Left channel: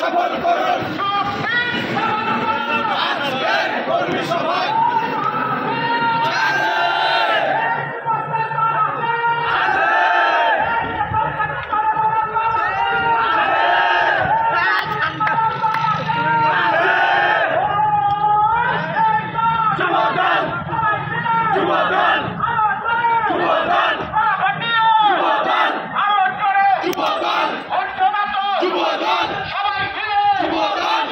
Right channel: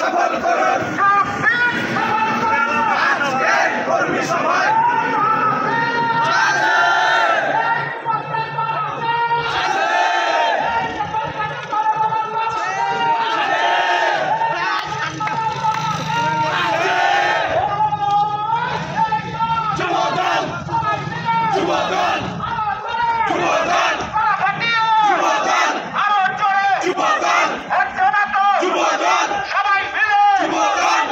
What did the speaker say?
সফল করুন আজকের কর্মী সভায় যুবদল যুবদল যুবদল যুবদল আরো জোরে যুবদল যুবদল সবাই মিলে যুবদল